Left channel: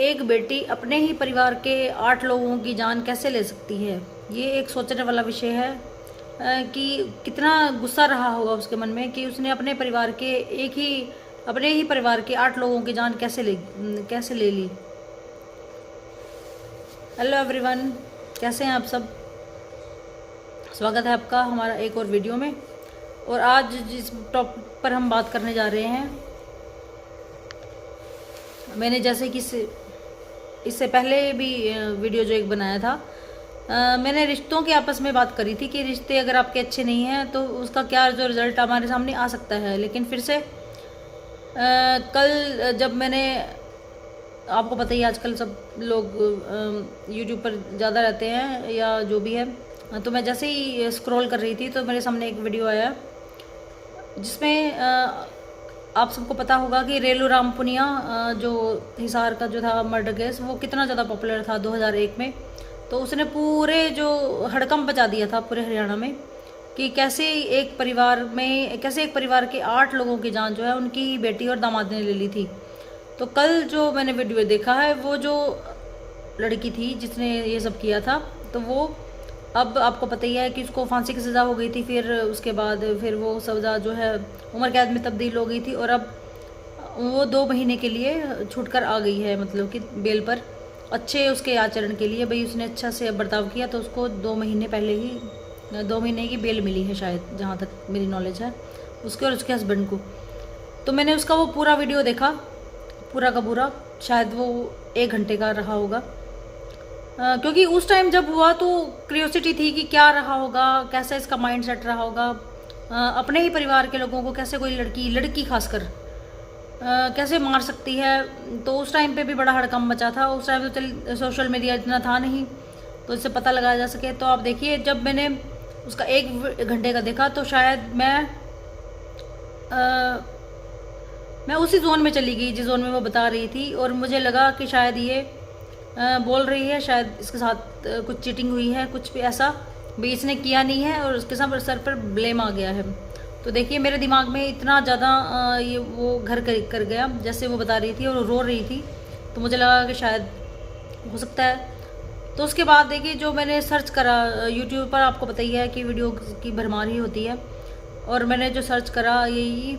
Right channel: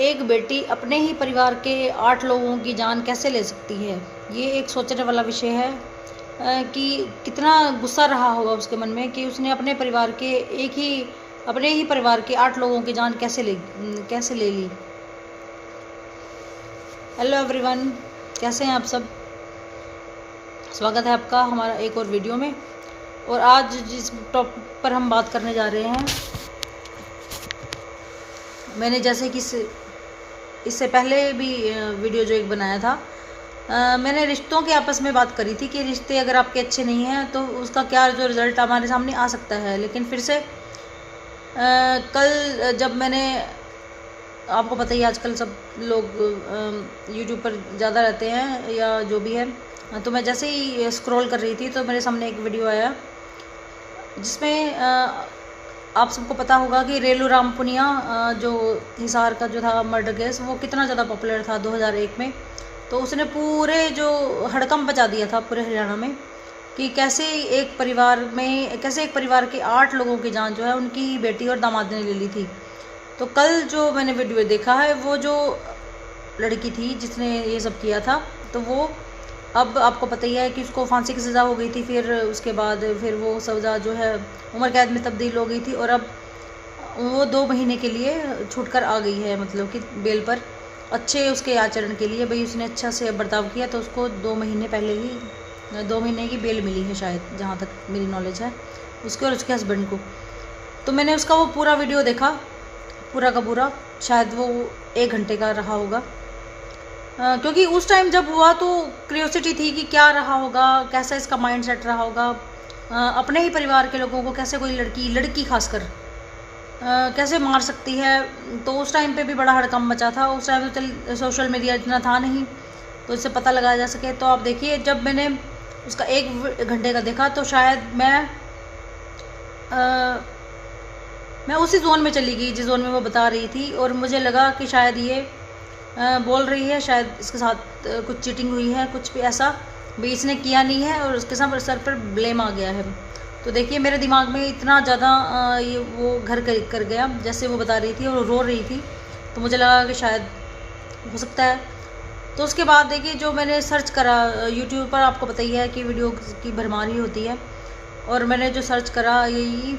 एक बेटी अपने ही परिवार के 8 लोगों की जान कैसे ले सकती है। ये एक सोचने वाला विषय है कि कितना गुस्सा रहा होगा उसके मन में कि उसने अपने ही परिवार के 8 लोगों की जान कैसे ले ली। हेलो एवरीवन, कैसे हैं आप सब। स्वागत है आपका हमारा एक और वीडियो में। और आज जिस टॉपिक पर हम बात करने जा रहे हैं, मैंने जैसे कि इससे पहले भी वीडियो जो एक बनाया था, मैंने रिश्तों के आपस में बात करी थी कि रिश्ते अगर आपके अच्छे नहीं हैं तो उसका क्या जो रिज़ल्ट हमारे सामने आ सकता है। लेकिन फिर से कल जब मैंने, आपको पता ही आजकल सब लोग यूट्यूब पर ज़्यादा रहते हैं या जो भी है, तो मैं जैसे ही स्क्रॉल कर रही थी तो मेरे सामने एक वीडियो आया जिसमें आप सबको पता होगा कि रेलू राम पुनिया जो हिसार का जो था मर्डर केस, वो कितना ज़्यादा पॉपुलर था 2001 में। तो उसने पूरे जो हड़कंप मचा दिया था पूरे हरियाणा में कि कैसे एक परिवार के 8 लोगों की जान जो है उनकी बेटी और दामाद ने ले ली थी। तो कल जो मैंने वीडियो देखा है, वो जो लड़की थी जिसने ये सब किया था, तो वो अब आपको पता ही है कि उसको फांसी की सज़ा हो गई थी। फिर उसके बाद फिर वो सज़ा जो है उम्र कैद में तब्दील हो गई थी और अब वो 2 महीने के लिए छूट कर आ गई है, मतलब कि बेल पर, अच्छे उसके आचरण के लिए। भाई उसने अच्छा से बर्ताव किया तो उसको 2 महीने पहले ही 2 महीने की बेल मिली है शायद, जहाँ तक मेरी नॉलेज है, उसके और उसके हस्बैंड को। तो मैंने उसका वो पूरा वीडियो देखा, पूरा का पूरा, शायद वो 1 घंटे का रहा होगा। क्योंकि उस टाइम जब हुआ तो क्यूरियोसिटी थी कि क्या रहा होगा, कैसा इसका माइंड सेट रहा होगा। अपने ही परिवार के लोगों को कैसे कोई लड़की खासकर कैसे मार सकती है। तो उस टाइम पे भी बड़ा हड़कंप मचा था। उस टाइम पे सोशल मीडिया इतना था नहीं तो इससे पता लगाया जा सके। तो आप देखिए, जब मैंने उसका 1 घंटे का देखा तो शायद मैं उसी जोन में चली गई जिस जोन में वो बता रही थी, और मुझे लगा कि शायद ये बोल रही है, शायद इसके साथ कुछ चीटिंग हुई है, कुछ भी ऐसा भी इसने किया नहीं है और उसके साथ सर पर ब्लेम आ गया है। तो देखिए, मेरे दिमाग में इतना ज़्यादा ये वो घर कर गया जैसे वो बता रही थी और रो रही थी। तो मुझे लगा कि शायद हो सकता है। तो उसके बाद देखिए, जो मैंने सर्च करा यूट्यूब पर, आपको पता ही है कि वीडियो की भरमार ही होती है, और मैंने जो सर्च करा यही,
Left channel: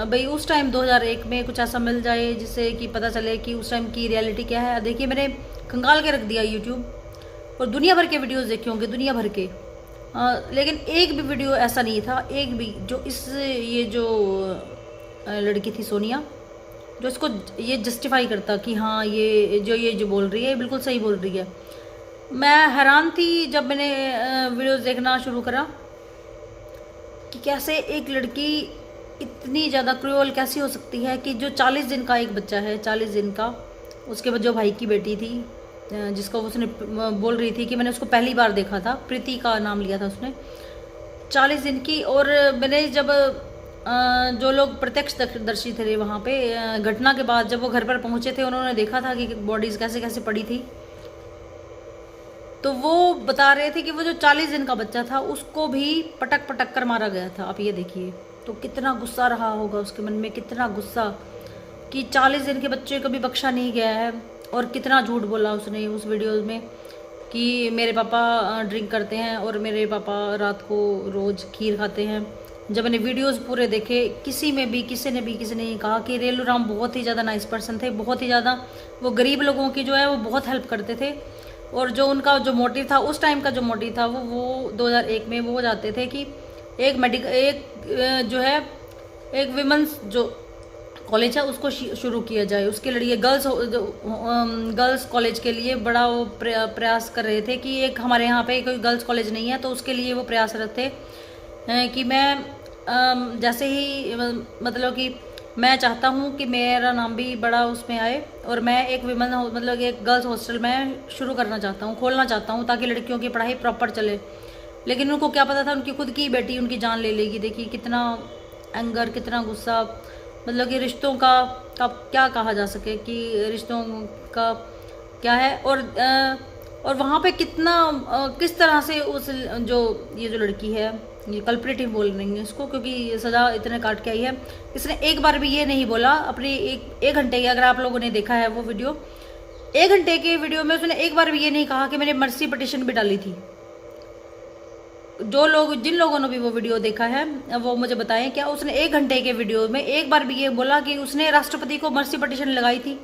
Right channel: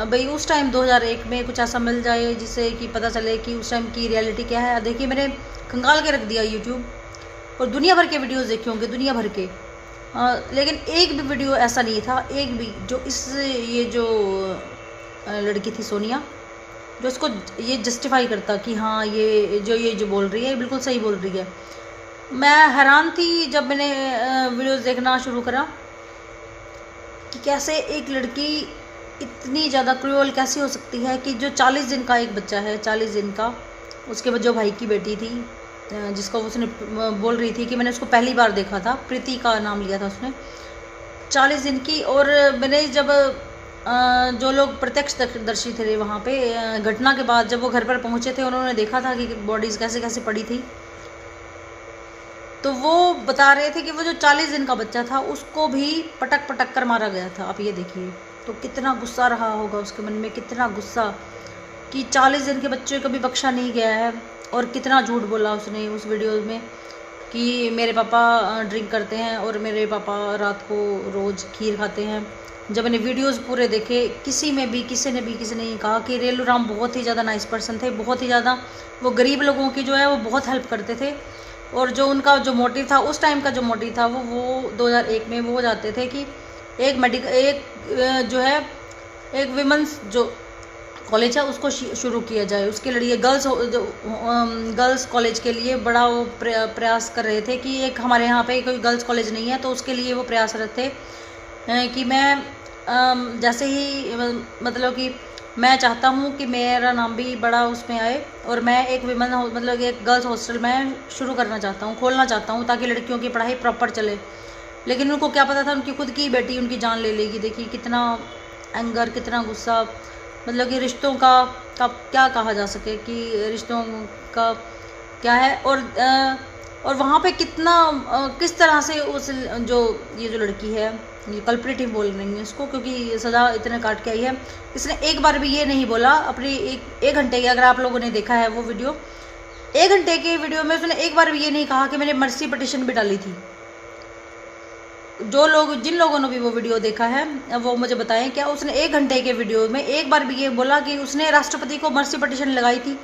भाई उस टाइम 2001 में कुछ ऐसा मिल जाए जिससे कि पता चले कि उस टाइम की रियलिटी क्या है। देखिए, मैंने खंगाल के रख दिया यूट्यूब और दुनिया भर के वीडियोस देखे होंगे, दुनिया भर के, लेकिन एक भी वीडियो ऐसा नहीं था, एक भी, जो ये जो लड़की थी सोनिया, जो इसको ये जस्टिफाई करता कि हाँ ये जो बोल रही है बिल्कुल सही बोल रही है। मैं हैरान थी जब मैंने वीडियोस देखना शुरू करा कि कैसे एक लड़की इतनी ज़्यादा क्रूअल कैसी हो सकती है कि जो 40 दिन का एक बच्चा है, 40 दिन का, उसके बाद जो भाई की बेटी थी जिसको उसने बोल रही थी कि मैंने उसको पहली बार देखा था, प्रीति का नाम लिया था उसने, 40 दिन की। और मैंने जब जो लोग प्रत्यक्षदर्शी थे वहाँ पे, घटना के बाद जब वो घर पर पहुँचे थे, उन्होंने देखा था कि बॉडीज़ कैसे कैसे पड़ी थी। तो वो बता रहे थे कि वो जो 40 दिन का बच्चा था उसको भी पटक पटक कर मारा गया था। आप ये देखिए, तो कितना गुस्सा रहा होगा उसके मन में, कितना गुस्सा कि 40 दिन के बच्चे को भी बख्शा नहीं गया है। और कितना झूठ बोला उसने उस वीडियो में कि मेरे पापा ड्रिंक करते हैं और मेरे पापा रात को रोज़ खीर खाते हैं। जब मैंने वीडियोस पूरे देखे, किसी ने ये कहा कि रेलू राम बहुत ही ज़्यादा नाइस पर्सन थे, बहुत ही ज़्यादा वो गरीब लोगों की जो है वो बहुत हेल्प करते थे। और जो उनका जो मोटिव था, उस टाइम का जो मोटिव था, वो 2001 में वो जाते थे कि एक विमेंस जो कॉलेज है उसको शुरू किया जाए, उसके लिए गर्ल्स कॉलेज के लिए बड़ा वो प्रयास कर रहे थे कि एक हमारे यहाँ पे कोई गर्ल्स कॉलेज नहीं है, तो उसके लिए वो प्रयासरत थे कि मैं जैसे ही, मतलब कि मैं चाहता हूँ कि मेरा नाम भी बड़ा उसमें आए और मैं एक मतलब एक गर्ल्स हॉस्टल में शुरू करना चाहता हूँ, खोलना चाहता हूँ, ताकि लड़कियों की पढ़ाई प्रॉपर चले। लेकिन उनको क्या पता था उनकी खुद की बेटी उनकी जान ले लेगी। देखिए कितना एंगर, कितना गुस्सा, मतलब कि रिश्तों का क्या कहा जा सके कि रिश्तों का क्या है। और वहाँ पे किस तरह से ये जो लड़की है, ये कल्प्रेटिव बोल रही है इसको, क्योंकि सज़ा इतने काट के आई है। इसने एक बार भी ये नहीं बोला अपने एक घंटे की, अगर आप लोगों ने देखा है वो वीडियो, 1 घंटे के वीडियो में उसने एक बार भी ये नहीं कहा कि मैंने मर्सी पिटीशन भी डाली थी। जिन लोगों ने भी वो वीडियो देखा है वो मुझे बताएं, क्या उसने 1 घंटे के वीडियो में एक बार भी ये बोला कि उसने राष्ट्रपति को मर्सी पिटीशन लगाई थी।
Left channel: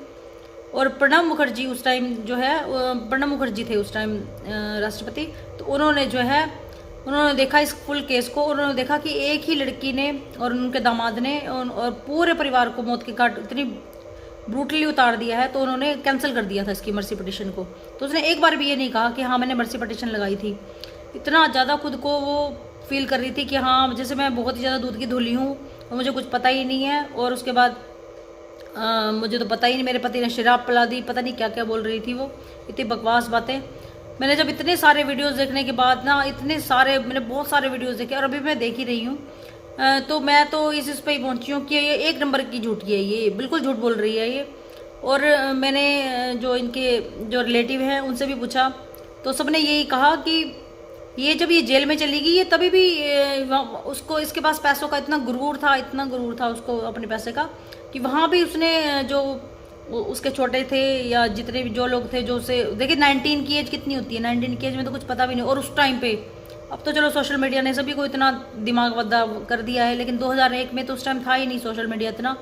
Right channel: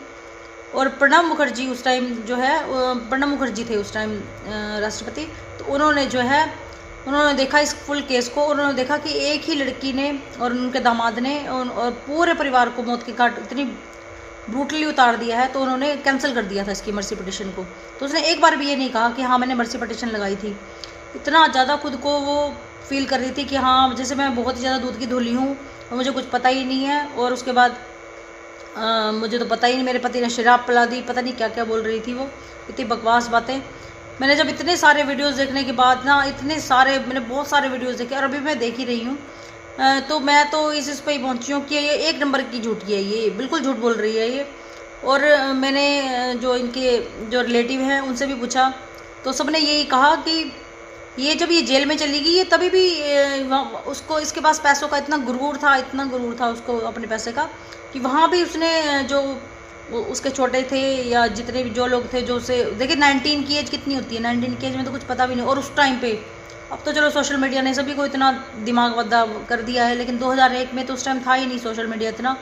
और प्रणब मुखर्जी उस टाइम जो है, प्रणब मुखर्जी थे उस टाइम राष्ट्रपति, तो उन्होंने देखा इस फुल केस को। उन्होंने देखा कि एक ही लड़की ने और उनके दामाद ने और पूरे परिवार को मौत के घाट इतनी ब्रूटली उतार दिया है, तो उन्होंने कैंसिल कर दिया था इसकी मर्सी पिटीशन को। तो उसने एक बार भी ये नहीं कहा कि हाँ मैंने मर्सी पिटीशन लगाई थी। इतना ज़्यादा खुद को वो फील कर रही थी कि हाँ जैसे मैं बहुत ही ज़्यादा दूध की धुली हूँ और मुझे कुछ पता ही नहीं है। और उसके बाद मुझे तो पता ही नहीं, मेरे पति ने शराब पिला दी, पता नहीं क्या क्या बोल रही थी वो, इतनी बकवास बातें। मैंने जब इतने सारे वीडियोस देखने के बाद ना, मैंने बहुत सारे वीडियोस देखे और अभी मैं देख ही रही हूँ, तो मैं तो इस पे ही पहुँची हूँ कि ये 1 नंबर की झूठी है, ये बिल्कुल झूठ बोल रही है ये। और मैंने जो इनके जो रिलेटिव हैं उनसे भी पूछा, तो सबने यही कहा कि जब ये जेल में चली गई, ये तभी भी उसको इसके पास पैसों का इतना गुरूर था उसको अपने पैसे का, कि वहाँ भी उसने जो उसके छोटे थे या जितने भी जो लोग थे, जो उसे देखिए 19 की एज कितनी होती है, 19 की एज में तो कुछ पता भी नहीं। और उस टाइम पे, अब तो चलो सोशल मीडिया ने सभी को इतना दिमाग वद्दा कर दिया है, लेकिन 2001 में तो उस टाइम था ही नहीं सोशल मीडिया इतना।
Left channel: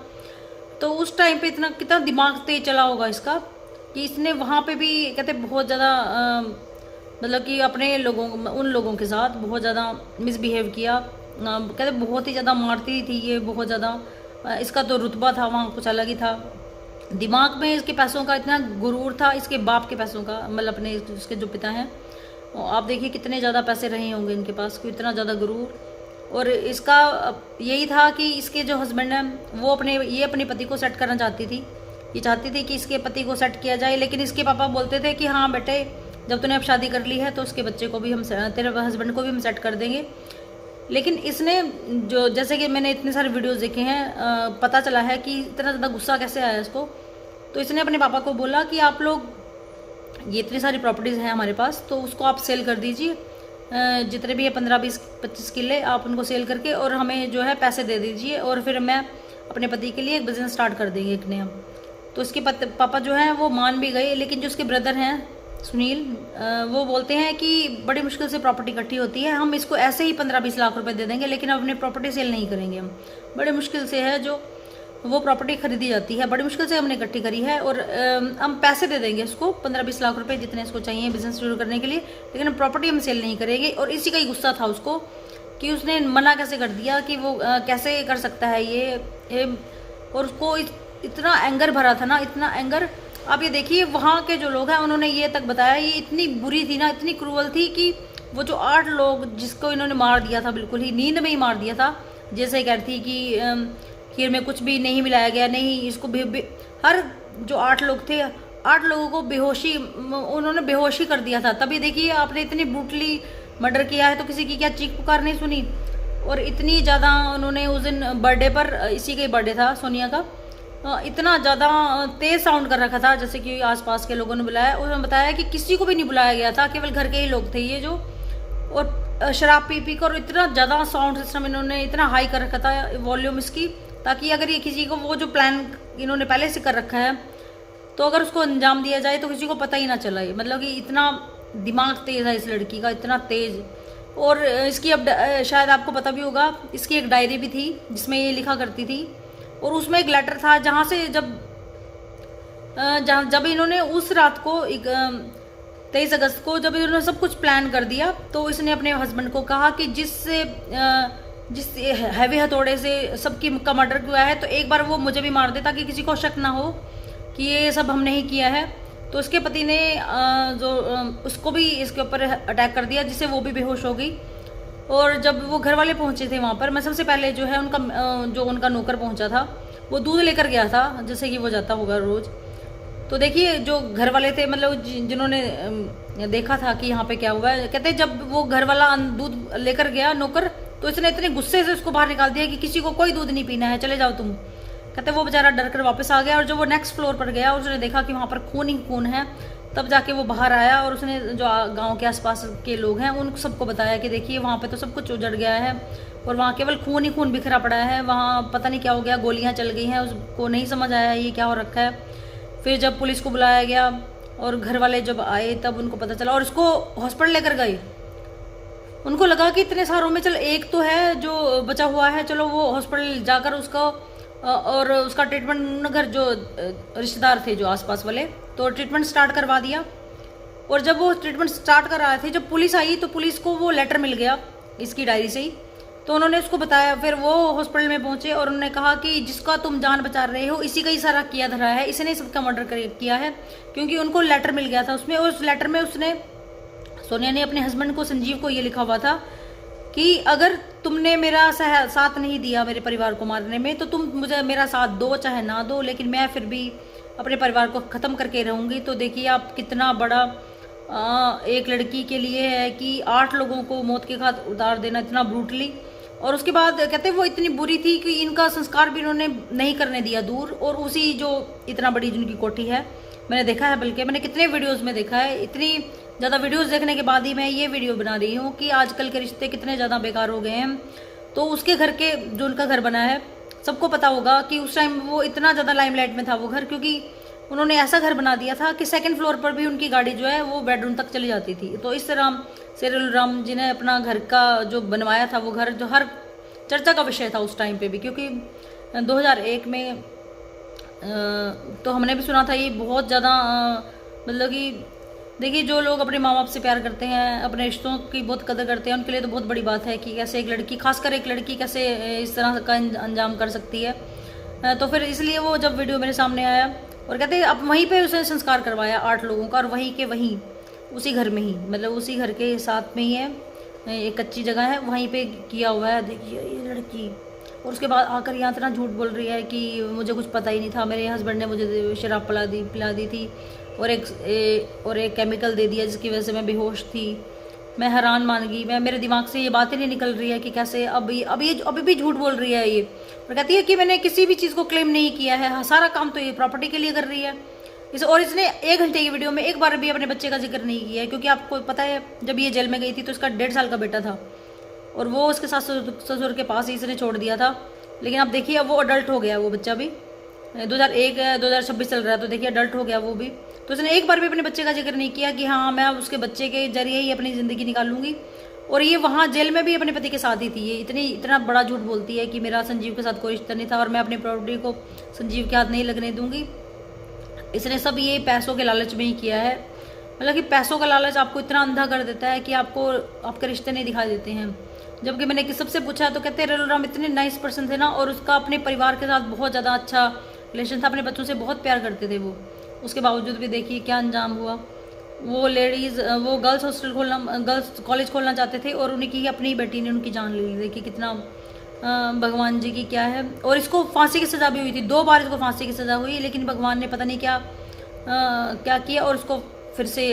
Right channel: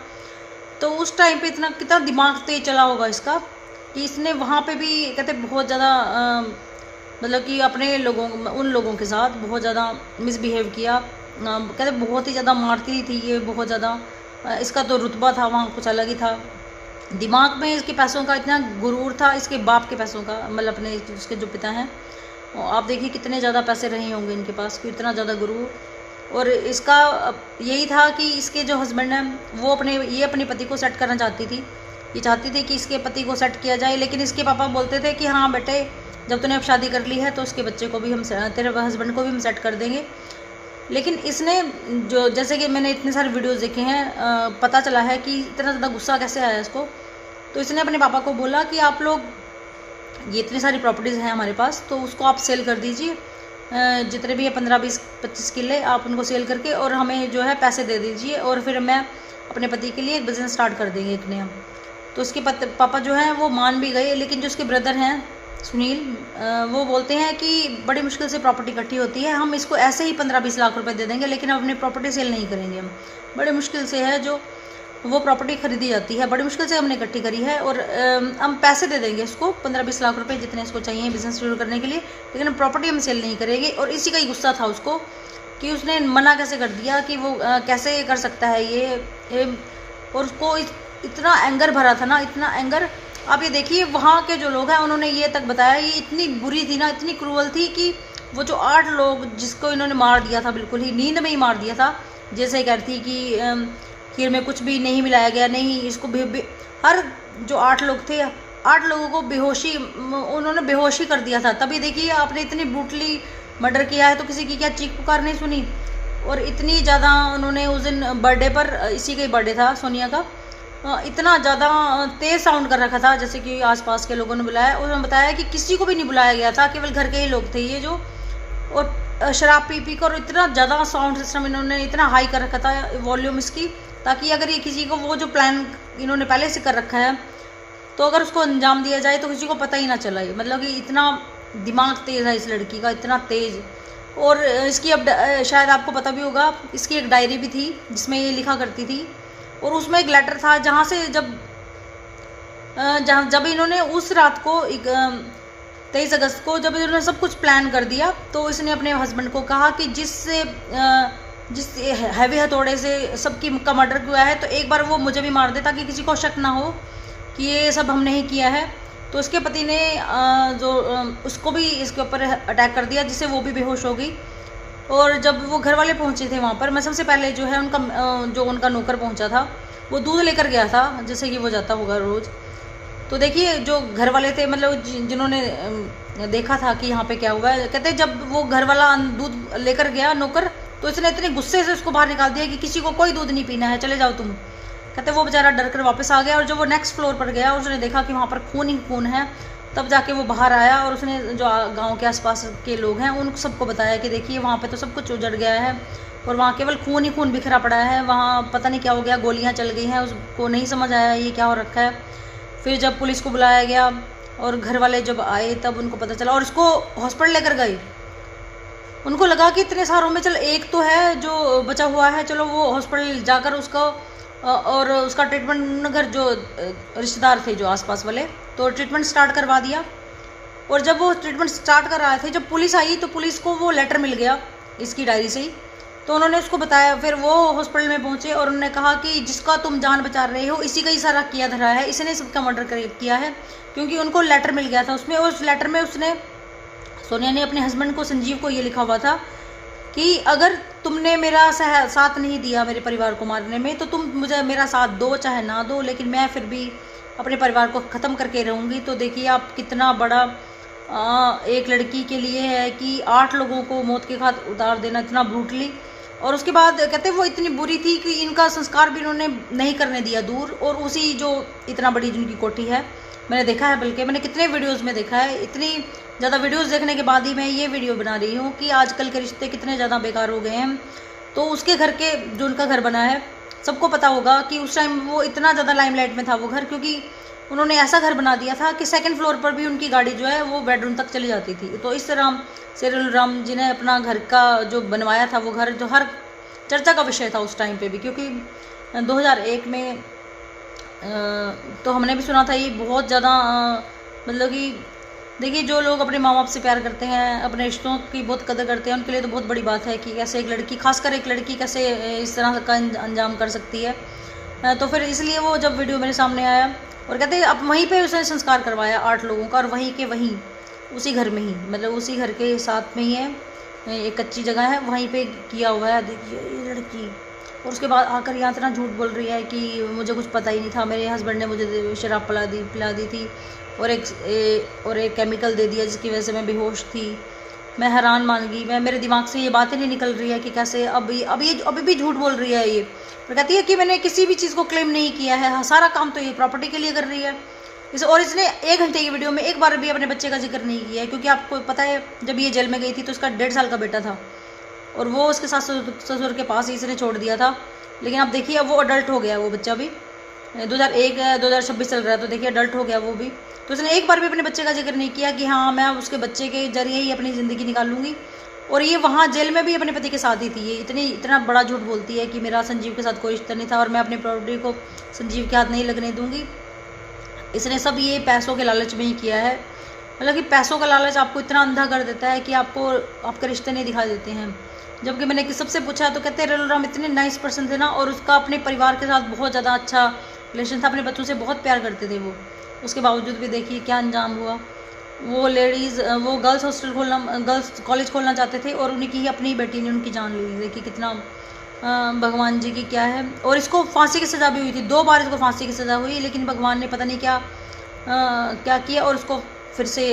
तो उस टाइम पे कितना दिमाग तेज चला होगा इसका, कि इसने वहाँ पे भी कहते बहुत ज़्यादा मतलब कि अपने उन लोगों के साथ बहुत ज़्यादा मिसबिहेव किया। कहते बहुत ही ज़्यादा मारती थी ये, बहुत ज़्यादा। इसका तो रुतबा था वहाँ कुछ अलग ही था। दिमाग में इसके पैसों का इतना गुरूर था, इसके बाप के पैसों का, मतलब अपने उसके जो पिता हैं, आप देखिए कितने ज़्यादा पैसे रहे होंगे इनके पास, कि इतना ज़्यादा गुरूर। और इसका यही था कि इसके जो हस्बैंड हैं वो अपने पति को सेट करना चाहती थी। ये चाहती थी कि इसके पति को सेट किया जाए, लेकिन इसके पापा बोलते थे कि हाँ बेटे, जब तूने अब शादी कर ली है तो उसके बच्चे को भी तेरे हस्बैंड को भी हम सेट कर देंगे। लेकिन इसने जैसे कि मैंने इतने सारे वीडियोस देखे हैं, पता चला है कि इतना ज़्यादा गुस्सा कैसे आया इसको। तो इसने अपने पापा को बोला कि आप लोग, ये इतनी सारी प्रॉपर्टीज़ हैं हमारे पास, तो उसको आप सेल कर दीजिए, जितने भी है 15, 20, 25 किले आप उनको सेल करके और हमें जो है पैसे दे दीजिए, और फिर मैं अपने पति के लिए एक बिज़नेस स्टार्ट कर देंगे एक नया। तो उसके पापा जो हैं वो मान भी गए, लेकिन जो उसके ब्रदर हैं सुनील, वो बोलते हैं कि बड़ी मुश्किल से प्रॉपर्टी इकट्ठी होती है, हम इसको ऐसे ही 15-20 लाख रुपए दे देंगे, लेकिन अपनी प्रॉपर्टी सेल नहीं करेंगे। हम बड़ी मुश्किल से है जो वो प्रॉपर्टी खरीदी जाती है, बड़ी मुश्किल से हमने इकट्ठी करी है, और हम पैसे दे देंगे उसको 15-20 लाख रुपए जितने इसको चाहिए बिजनेस शुरू करने के लिए, लेकिन प्रॉपर्टी हम सेल नहीं करेंगे। और इसी का ही गुस्सा था उसको कि उसने मना कैसे कर दिया, कि वो कैसे कर सकता है ये। और उसको इतना एंगर भरा था ना, इतना एंगर। आप ये देखिए वहाँ के जो लोग हैं उन्होंने ये तक बताया, ये इतनी बुरी थी ना, इतनी क्रूअल थी, कि वो जो 8 लोग जिसको इन्होंने मार दिया था, बिल्कुल ही नींद में ही मार दिया था। जैसे कहती कि खीर में कुछ भी नहीं मिलाया गया, नहीं इसको हर जो 8 लोग थे, 8 लोगों को उन्होंने बेहोशी कर दिया था। तभी देखिए आपने इतनी ब्रूटली मर्डर किया है तो किसी की क्या चीख पुकार नहीं सुनी। और इतनी ज़्यादा उन्होंने उस दिन बर्थडे पर, इसी का ही बर्थडे था सोनिया का, इतना ज़्यादा तेज़ साउंड कर रखा था, जैसे कि आसपास के लोगों ने बुलाया। उन्होंने बताया कि किसी को भी नहीं बुलाया गया था, केवल घर के ही लोग थे ये जो, और शराब पी कर इतना ज़्यादा साउंड सिस्टम इन्होंने इतना हाई कर रखा था, वॉल्यूम इसकी, ताकि अगर ये किसी को, वो जो प्लान इन्होंने पहले से कर रखा है, तो अगर उसको अंजाम दिया जाए तो किसी को पता ही ना चला। ये मतलब कि इतना दिमाग तेज़ है इस लड़की का, इतना तेज़। और इसकी अब शायद आपको पता भी होगा, इसकी एक डायरी भी थी जिसमें ये लिखा करती थी, और उसमें एक लेटर था जहाँ से जब इन्होंने उस रात को 23 अगस्त को जब इन्होंने सब कुछ प्लान कर दिया, तो इसने अपने हस्बैंड को कहा कि जिस हैवी हथौड़े से सबकी का मर्डर हुआ है, तो एक बार वो मुझे भी मार दे, ताकि किसी को शक ना हो कि ये सब हमने ही किया है। तो उसके पति ने उसको भी इसके ऊपर अटैक कर दिया, जिससे वो भी बेहोश हो गई। और जब वो घर वाले पहुंचे थे वहाँ पर, मैं सबसे पहले जो है उनका नौकर पहुंचा था, वो दूध लेकर गया था, जैसे कि वो जाता होगा रोज़। तो देखिए जो घर वाले थे, मतलब जिन्होंने देखा था कि यहाँ पे क्या हुआ है, कहते जब वो घर वाला दूध लेकर गया नौकर, तो इसने इतने गुस्से से उसको बाहर निकाल दिया कि किसी को कोई दूध नहीं पीना है, चले जाओ तुम। कहते वो बेचारा डर कर वापस आ गया, और जब वो नेक्स्ट फ्लोर पर गया और उसने देखा कि वहाँ पर खून ही खून है, तब जाके वो बाहर आया, और उसने जो गांव के आसपास के लोग हैं उन सबको बताया कि देखिए वहाँ पे तो सब कुछ उजड़ गया है, और वहाँ केवल खून ही खून बिखरा पड़ा है, वहाँ पता नहीं क्या हो गया, गोलियाँ चल गई हैं, उसको नहीं समझ आया ये क्या हो रखा है। फिर जब पुलिस को बुलाया गया, और घर वाले जब आए तब उनको पता चला और इसको हॉस्पिटल लेकर गए। उनको लगा कि इतने सारों में चल एक तो है जो बचा हुआ है, चलो वो हॉस्पिटल जाकर उसको और उसका ट्रीटमेंट, घर जो रिश्तेदार थे जो आसपास वाले, तो ट्रीटमेंट स्टार्ट करवा दिया। और जब वो ट्रीटमेंट स्टार्ट कर रहे थे, जब पुलिस आई तो पुलिस को वो लेटर मिल गया इसकी डायरी से ही, तो उन्होंने उसको बताया। फिर वो हॉस्पिटल में पहुंचे और उन्होंने कहा कि जिसका तुम जान बचा रहे हो इसी का ही सारा किया धरा है, इसने सबका मर्डर किया है, क्योंकि उनको लेटर मिल गया था उसमें। और उस लेटर में उसने, सोनिया ने अपने हस्बैंड को, संजीव को, ये लिखा हुआ था कि अगर तुमने मेरा साथ नहीं दिया मेरे परिवार को मारने में, तो तुम मुझे मेरा साथ दो चाहे ना दो, लेकिन मैं फिर भी अपने परिवार को ख़त्म करके रहूँगी। तो देखिए आप कितना बड़ा एक लड़की के लिए है कि 8 लोगों को मौत के घाट उतार देना, इतना ब्रूटली। और उसके बाद कहते वो इतनी बुरी थी कि इनका संस्कार भी इन्होंने नहीं करने दिया दूर, और उसी जो इतना बड़ी जिनकी कोठी है, मैंने देखा है, बल्कि मैंने कितने वीडियोस में देखा है, इतनी ज़्यादा वीडियोस देखने के बाद ही मैं ये वीडियो बना रही हूँ कि आजकल के रिश्ते कितने ज़्यादा बेकार हो गए हैं। तो उसके घर के, जो उनका घर बना है, सबको पता होगा कि उस टाइम वो इतना ज़्यादा लाइमलाइट में था वो घर, क्योंकि उन्होंने ऐसा घर बना दिया था कि 2nd फ्लोर पर भी उनकी गाड़ी जो है वो बेडरूम तक चली जाती थी। तो इस तरह सेरिल राम जी ने अपना घर का जो बनवाया था वो घर, जो हर चर्चा का विषय था उस टाइम पे भी, क्योंकि 2001 में तो हमने भी सुना था ये बहुत ज़्यादा, मतलब कि देखिए जो लोग अपने माँ बाप से प्यार करते हैं, अपने रिश्तों की बहुत कदर करते हैं, उनके लिए तो बहुत बड़ी बात है कि कैसे एक लड़की, खासकर एक लड़की कैसे इस तरह का अंजाम कर सकती है। तो फिर इसलिए वो जब वीडियो मेरे सामने आया और कहते अब वहीं पे उसने संस्कार करवाया 8 लोगों का, और वहीं के वहीं उसी घर में ही, मतलब उसी घर के साथ में ही है, एक कच्ची जगह है, वहीं पे किया हुआ है। देखिए ये लड़की, और उसके बाद आकर यहाँ इतना झूठ बोल रही है कि मुझे कुछ पता ही नहीं था, मेरे हस्बैंड ने मुझे शराब पिला दी थी और एक केमिकल दे दिया जिसकी वजह से मैं बेहोश थी। मैं हैरान मान गई, मेरे दिमाग से ये बातें नहीं निकल रही है कि कैसे अभी भी झूठ बोल रही है ये। और कहती है कि मैंने किसी भी चीज़ को क्लेम नहीं किया है, सारा काम तो ये प्रॉपर्टी के लिए कर रही है और इसने 1 घंटे की वीडियो में एक बार भी अपने बच्चे का जिक्र नहीं किया है, क्योंकि आपको पता है जब ये जेल में गई थी तो उसका 1.5 साल का बेटा था और वो उसके सास ससुर के पास ही इसने छोड़ दिया था। लेकिन अब देखिए अब वो अडल्ट हो गया, वो बच्चा भी 2026 चल रहा है, तो देखिए अडल्ट हो गया वो भी। तो उसने एक बार भी अपने बच्चे का जिक्र नहीं किया कि हाँ मैं उसके बच्चे के जरिए ही अपनी ज़िंदगी निकालूंगी। और ये वहाँ जेल में भी अपने पति के साथ ही थी। ये इतना बड़ा झूठ बोलती है कि मेरा संजीव के साथ कोई रिश्ता नहीं था और मैं अपनी प्रॉपर्टी को संजीव के हाथ नहीं लगने दूंगी। इसने सब ये पैसों के लालच में ही किया है। मतलब कि पैसों का लालच आपको इतना अंधा कर देता है कि आपको आपके रिश्ते नहीं दिखा देते हैं। जबकि मैंने सबसे पूछा तो कहते हैं राम इतने नाइस पर्सन थे ना, और उसका अपने परिवार के साथ बहुत ज़्यादा अच्छा रिलेशन था, अपने बच्चों से बहुत प्यार करते थे वो। उसके बावजूद भी देखिए क्या अंजाम हुआ। वो लेडीज़, वो गर्ल्स हॉस्टल गर्ल्स कॉलेज खोलना चाहते थे और उनकी ही अपनी बेटी ने उनकी जान ली। देखिए कितना भगवान जी की क्या है। और इसको फांसी की सज़ा भी हुई थी, 2 बार इसको फांसी की सज़ा हुई, लेकिन भगवान ने पता नहीं क्या किया और उसको फिर से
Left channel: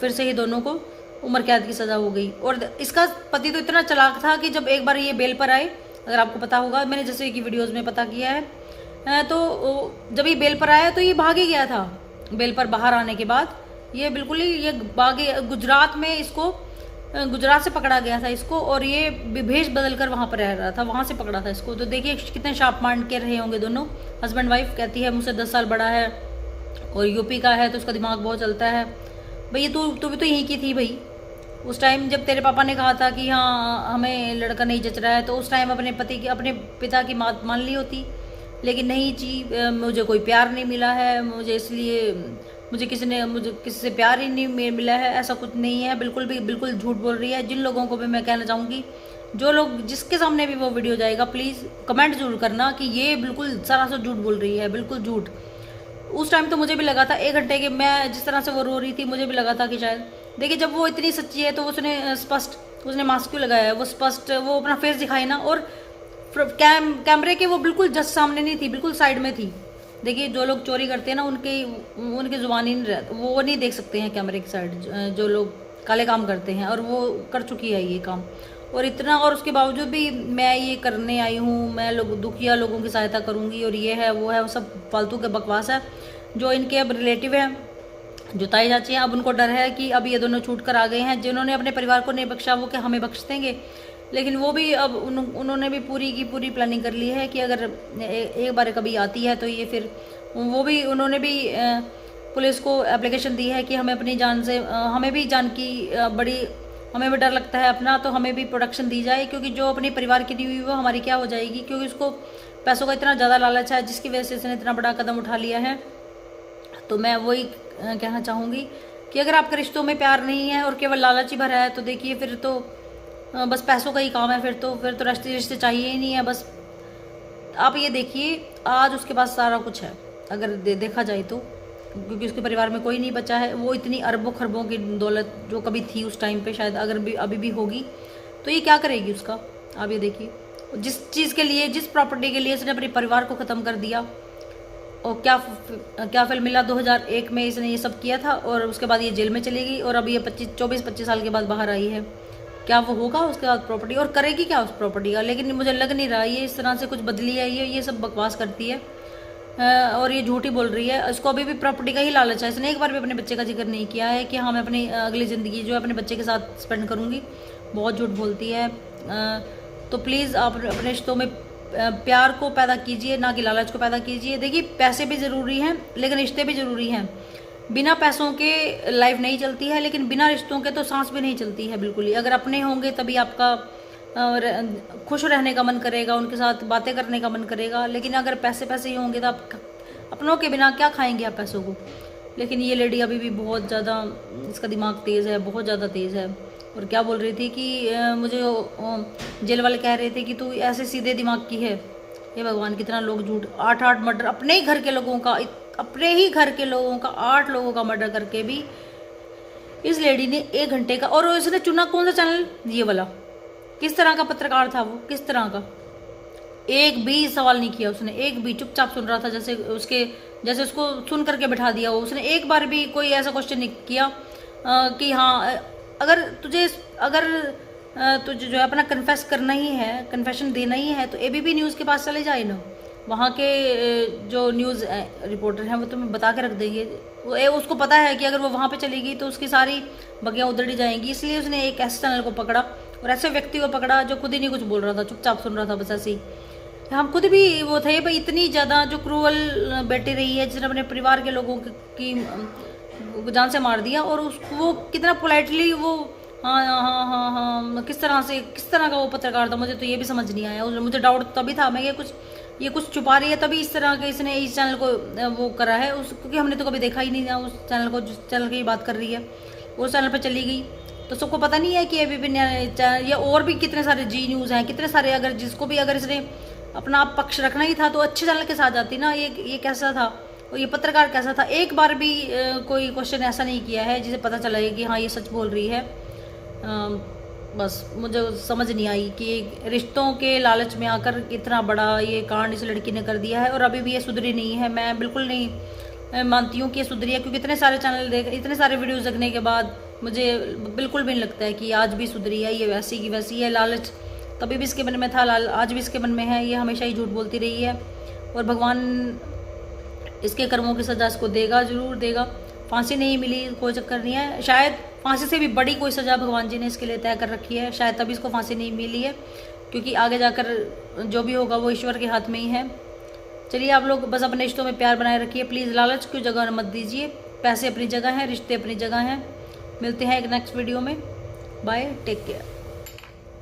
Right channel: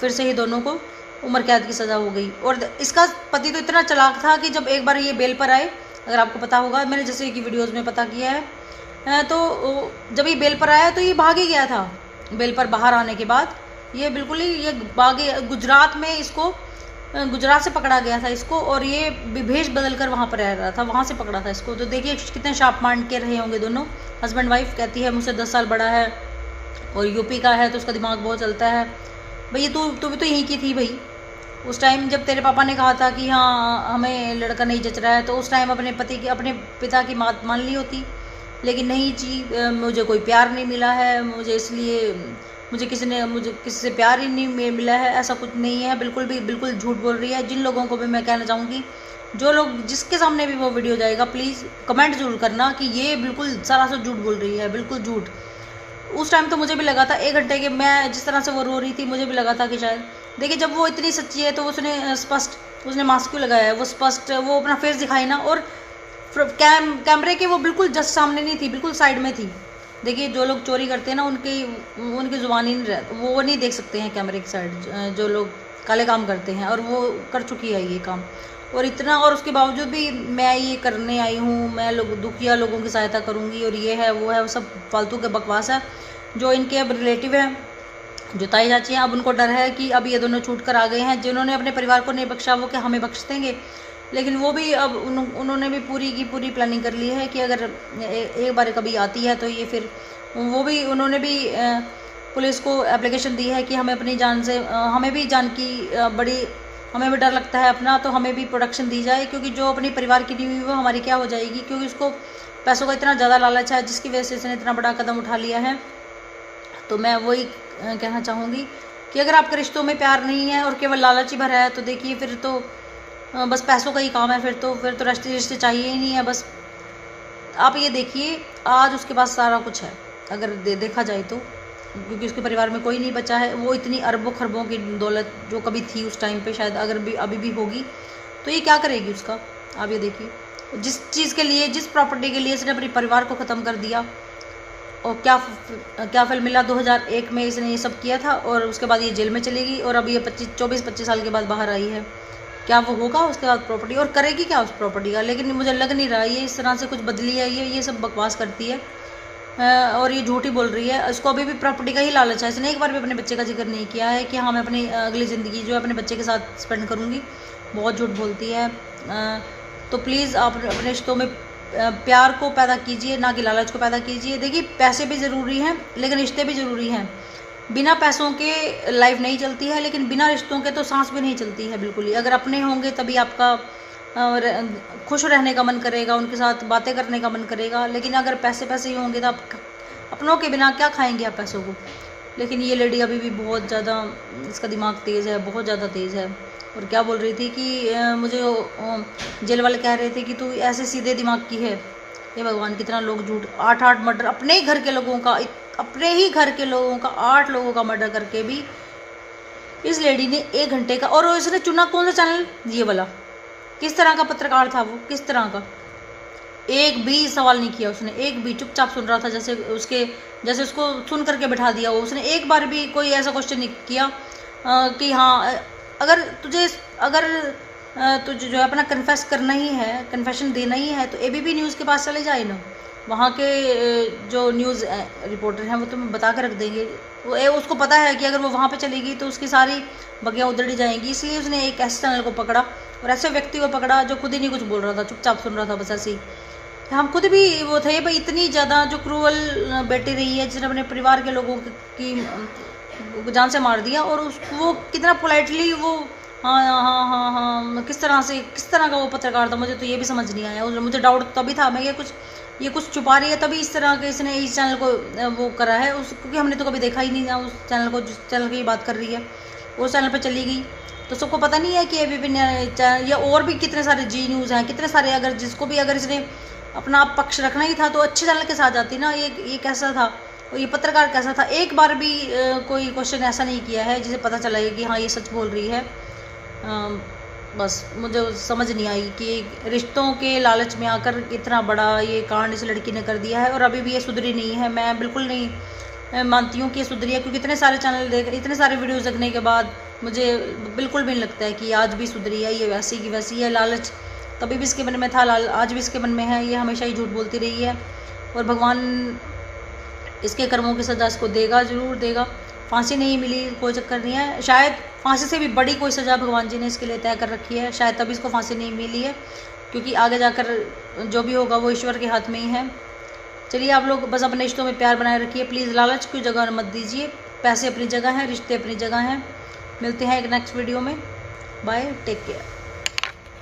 फिर से ही दोनों को उम्र कैद की सज़ा हो गई। और इसका पति तो इतना चालाक था कि जब एक बार ये बेल पर आए, अगर आपको पता होगा, मैंने जैसे कि वीडियोज़ में पता किया है, तो जब ये बेल पर आया तो ये भाग ही गया था। बेल पर बाहर आने के बाद ये बिल्कुल ही ये भागे, गुजरात में इसको, गुजरात से पकड़ा गया था इसको, और ये भेष बदल कर वहाँ पर रह रहा था, वहाँ से पकड़ा था इसको। तो देखिए कितने शार्प माइंड के रहे होंगे दोनों, हस्बैंड वाइफ। कहती है मुझसे 10 साल बड़ा है और यूपी का है तो उसका दिमाग बहुत चलता है। भाई तू भी तो यहीं की थी भाई। उस टाइम जब तेरे पापा ने कहा था कि हाँ हमें लड़का नहीं जच रहा है, तो उस टाइम अपने पिता की बात मान ली होती। लेकिन नहीं जी, मुझे कोई प्यार नहीं मिला है, मुझे किसी से प्यार ही नहीं मिला है, ऐसा कुछ नहीं है। बिल्कुल झूठ बोल रही है। जिन लोगों को भी मैं कहना चाहूँगी, जो लोग जिसके सामने भी वो वीडियो जाएगा, प्लीज़ कमेंट जरूर करना कि ये बिल्कुल सरासर झूठ बोल रही है, बिल्कुल झूठ। उस टाइम तो मुझे भी लगा था 1 घंटे के, मैं जिस तरह से वो रो रही थी मुझे भी लगा था कि शायद, देखिए जब वो इतनी सच्ची है तो उसने मास्क क्यों लगाया है, वो अपना फेस दिखाई ना। और कैमरे के वो बिल्कुल जस्ट सामने नहीं थी, बिल्कुल साइड में थी। देखिए जो लोग चोरी करते हैं ना, उनकी जुबान ही नहीं रहती, वो नहीं देख सकते हैं कैमरे की साइड, जो लोग काले काम करते हैं, और वो कर चुकी है ये काम। और इतना, और उसके बावजूद भी मैं ये करने आई हूँ, मैं दुखिया लोगों की सहायता करूँगी, और ये है वो है, वो सब फालतू के बकवास है। जो इनके अब रिलेटिव हैं, जो ताई चाची हैं, अब उनको डर है कि अब ये दोनों छूट कर आ गए हैं। जिन्होंने अपने परिवार को नहीं बख्शा वो क्या हमें बख्श देंगे। लेकिन वो भी अब उन्होंने भी पूरी की पूरी प्लानिंग कर ली है कि अगर एक बार कभी आती है तो ये फिर उन्होंने भी पुलिस को एप्लीकेशन दी है कि हमें अपनी जान से हमें भी जान की बड़ी हमें भी डर लगता है अपना, तो हमें भी प्रोटेक्शन दी जाए, क्योंकि जो अपनी परिवार की दी हुई वो हमारी क्या हो जाएगी, क्योंकि उसको पैसों का इतना ज़्यादा लालच है जिसकी वजह से इसने इतना बड़ा कदम उठा लिया है। तो मैं वही कहना चाहूँगी कि अगर आपके रिश्तों में प्यार नहीं है और केवल लालच ही भरा है तो देखिए फिर तो बस पैसों का ही काम है, फिर तो रिश्ते चाहिए ही नहीं है। बस आप ये देखिए आज उसके पास सारा कुछ है अगर देखा जाए तो, क्योंकि उसके परिवार में कोई नहीं बचा है। वो इतनी अरबों खरबों की दौलत जो कभी थी उस टाइम पे, शायद अगर भी अभी भी होगी, तो ये क्या करेगी उसका। आप ये देखिए जिस चीज़ के लिए, जिस प्रॉपर्टी के लिए इसने अपने परिवार को ख़त्म कर दिया, और क्या फल मिला। 2001 में इसने ये सब किया था और उसके बाद ये जेल में चलेगी और अभी ये 24-25 साल के बाद बाहर आई है। क्या वो होगा उसके बाद प्रॉपर्टी, और करेगी क्या उस प्रॉपर्टी का। लेकिन मुझे लग नहीं रहा ये इस तरह से कुछ बदली है, ये सब बकवास करती है और ये झूठी बोल रही है। इसको अभी भी प्रॉपर्टी का ही लालच है। इसने एक बार भी अपने बच्चे का जिक्र नहीं किया है कि हाँ मैं अपनी अगली ज़िंदगी जो है अपने बच्चे के साथ स्पेंड करूँगी। बहुत झूठ बोलती है। तो प्लीज़ आप अपने रिश्तों में प्यार को पैदा कीजिए, ना कि लालच को पैदा कीजिए। देखिए पैसे भी ज़रूरी हैं लेकिन रिश्ते भी ज़रूरी हैं। बिना पैसों के लाइफ नहीं चलती है, लेकिन बिना रिश्तों के तो सांस भी नहीं चलती है बिल्कुल ही। अगर अपने होंगे तभी आपका खुश रहने का मन करेगा, उनके साथ बातें करने का मन करेगा। लेकिन अगर पैसे ही होंगे तो आप अपनों के बिना क्या खाएंगे आप पैसों को। लेकिन ये लेडी अभी भी बहुत ज़्यादा, इसका दिमाग तेज़ है, बहुत ज़्यादा तेज़ है। और क्या बोल रही थी कि मुझे जेल वाले कह रहे थे कि तू ऐसे सीधे दिमाग की है। ये भगवान कितना लोग झूठ, 8 मर्डर अपने ही घर के लोगों का, अपने ही घर के लोगों का 8 लोगों का मर्डर करके भी इस लेडी ने 1 घंटे का, और इसने चुना कौन सा चैनल, ये वाला। किस तरह का पत्रकार था वो, किस तरह का, एक भी सवाल नहीं किया उसने, एक भी चुपचाप सुन रहा था, जैसे उसको सुन करके बैठा दिया वो। उसने एक बार भी कोई ऐसा क्वेश्चन नहीं किया कि हाँ अगर तुझे जो है अपना कन्फेस करना ही है, कन्फेशन देना ही है, तो एबीपी न्यूज़ के पास चले जाए ना। वहाँ के जो न्यूज़ रिपोर्टर हैं वो तुम्हें बता के रख देंगे। उसको पता है कि अगर वो वहाँ पे चलेगी तो उसकी सारी बगियाँ उधड़ी जाएंगी। इसलिए उसने एक ऐसे चैनल को पकड़ा और ऐसे व्यक्ति को पकड़ा जो खुद ही नहीं कुछ बोल रहा था, चुपचाप सुन रहा था बस ऐसे ही। हम खुद भी वो थे भाई, इतनी ज़्यादा जो क्रूअल बेटी रही है जिसने अपने परिवार के लोगों की जान से मार दिया, और वो कितना पोलाइटली वो हाँ किस तरह का वो पत्रकार था, मुझे तो ये भी समझ नहीं आया। मुझे डाउट तभी था, मैं ये कुछ छुपा रही है, तभी इस तरह के इसने इस चैनल को वो करा है क्योंकि हमने तो कभी देखा ही नहीं था उस चैनल को, जिस चैनल की बात कर रही है उस चैनल पर चली गई। तो सबको पता नहीं है कि एबीपी या और भी कितने सारे जी न्यूज़ हैं, कितने सारे, अगर जिसको भी अगर इसने अपना पक्ष रखना ही था तो अच्छे चैनल के साथ जाती ना। ये कैसा था, ये पत्रकार कैसा था, एक बार भी कोई क्वेश्चन ऐसा नहीं किया है जिसे पता चला कि हाँ ये सच बोल रही है। बस मुझे समझ नहीं आई कि रिश्तों के लालच में आकर इतना बड़ा ये कांड इस लड़की ने कर दिया है, और अभी भी ये सुधरी नहीं है। मैं बिल्कुल नहीं मानती हूँ कि ये सुधरी है, क्योंकि इतने सारे चैनल इतने सारे वीडियोस देखने के बाद मुझे बिल्कुल भी नहीं लगता है कि आज भी सुधरी है। ये वैसी की वैसी है। लालच तभी भी इसके मन में था, आज भी इसके मन में है। ये हमेशा ही झूठ बोलती रही है और भगवान इसके कर्मों की सज़ा इसको देगा, ज़रूर देगा। फांसी नहीं मिली कोई चक्कर नहीं है, शायद फांसी से भी बड़ी कोई सज़ा भगवान जी ने इसके लिए तय कर रखी है, शायद तभी इसको फांसी नहीं मिली है, क्योंकि आगे जाकर जो भी होगा वो ईश्वर के हाथ में ही है। चलिए आप लोग बस अपने रिश्तों में प्यार बनाए रखिए, प्लीज़ लालच की जगह मत दीजिए। पैसे अपनी जगह हैं, रिश्ते अपनी जगह हैं। मिलते हैं एक नेक्स्ट वीडियो में। Bye, take care.